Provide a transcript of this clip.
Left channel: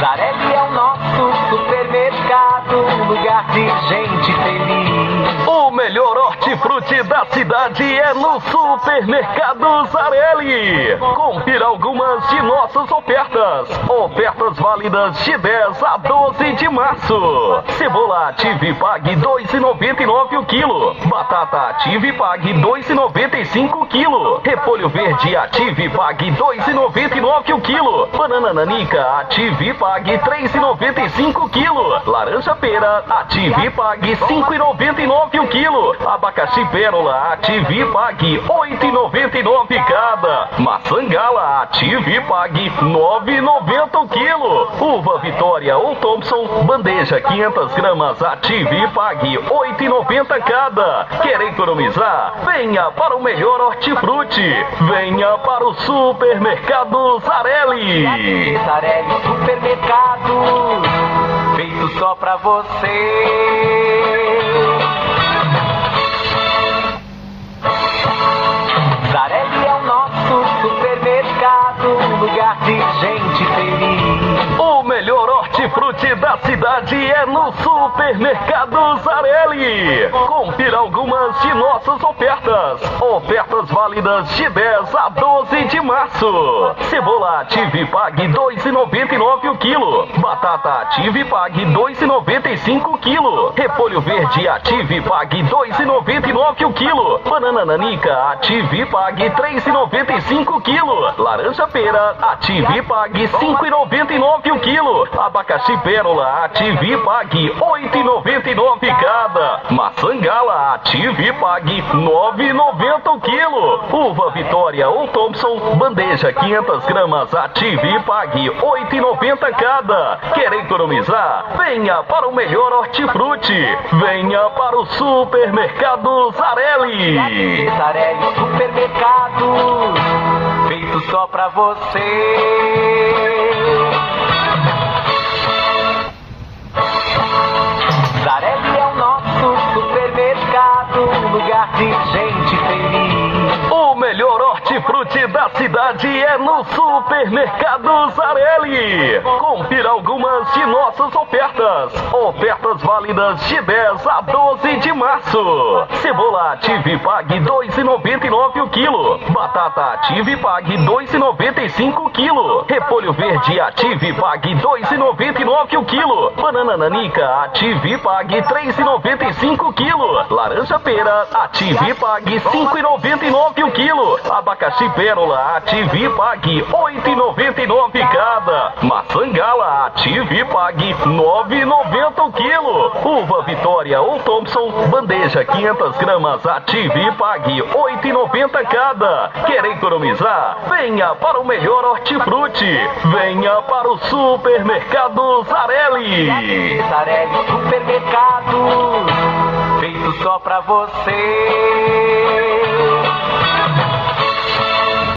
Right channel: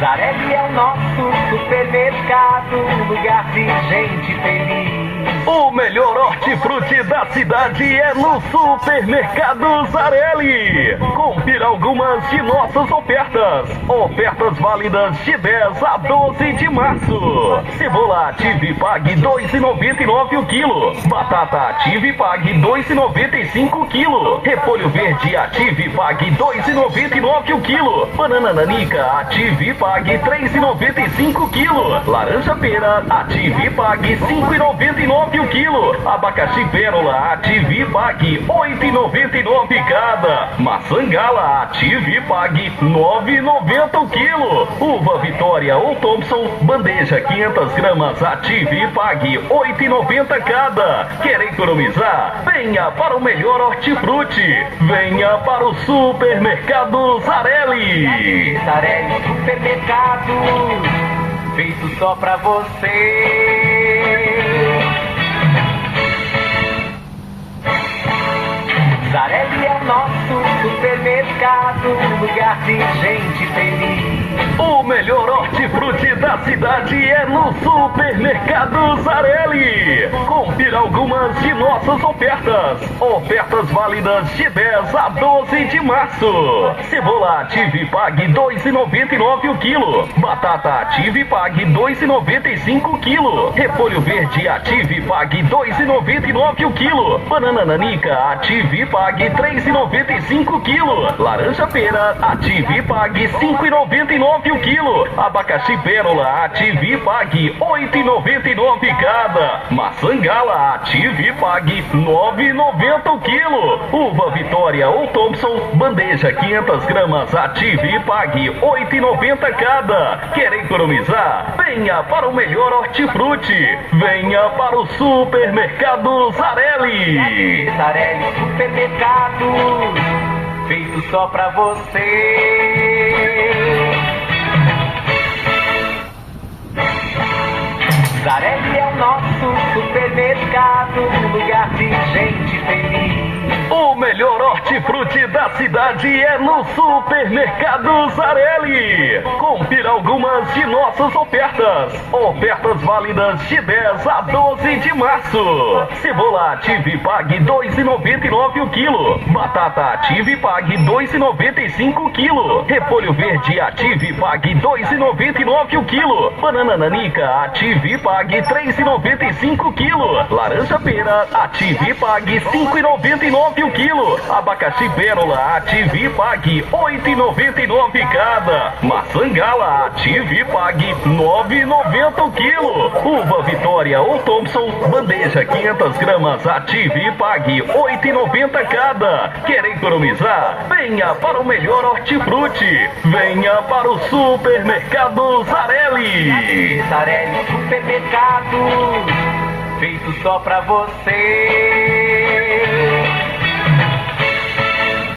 Zarelli é o nosso supermercado, lugar de gente feliz. O melhor hortifruti da cidade é no Supermercado Zarelli. Confira algumas de nossas ofertas. Ofertas válidas de 10 a 12 de março. Cebola Ative Pague 2,99 o quilo. Batata Ative Pague 2,95 o quilo. Repolho verde Ative Pague 2,99 o quilo. Banana nanica Ative Pague 3,95 o quilo. Laranja pera Ative Pague 5,99 o quilo. Abacaxi pérola Ative Pague 8,99 cada. Maçã gala Ative Pague 9,90 o quilo. Uva Vitória ou Thompson bandeja 500 gramas Ative Pague 8,90 cada. Quer economizar? Venha para o melhor hortifruti. Venha para o Supermercado Zarelli. Zarelli Supermercado, feito só pra você. Zarelli é o nosso supermercado, lugar de gente feliz. O melhor hortifruti da cidade é no Supermercado Zarelli. Confira algumas de nossas ofertas. Ofertas válidas de 10 a 12 de março. Cebola Ative Pague 2,99 o quilo. Batata Ative Pague 2,95 o quilo. Repolho verde Ative Pague 2,99 o quilo. Banana nanica Ative Pague 3,95 o quilo. Laranja pera Ative Pague 5,99 o quilo. Abacaxi pérola Ative Pague 8,99 cada. Maçã gala Ative Pague 9,90 o quilo. Uva Vitória ou Thompson bandeja 500 gramas Ative Pague 8,90 cada. Quer economizar? Venha para o melhor hortifruti. Venha para o Supermercado Zarelli. Zarelli Supermercado, feito só pra você. Zarelli é o nosso supermercado, lugar de gente feliz. O melhor hortifruti da cidade é no Supermercado Zarelli. Confira algumas de nossas ofertas. Ofertas válidas de 10 a 12 de março. Cebola Ative Pague 2,99 o quilo. Batata Ative Pague 2,95 o quilo. Repolho verde Ative Pague 2,99 o quilo. Banana nanica Ative Pague 3,95 o quilo. Laranja pera Ative Pague 5,99 o quilo. Abacaxi pérola Ative Pague 8,99 cada. Maçã gala Ative Pague 9,90 o quilo. Uva Vitória ou Thompson bandeja 500 gramas Ative Pague 8,90 cada. Quer economizar? Venha para o melhor hortifruti. Venha para o Supermercado Zarelli. Zarelli Supermercado, feito só pra você.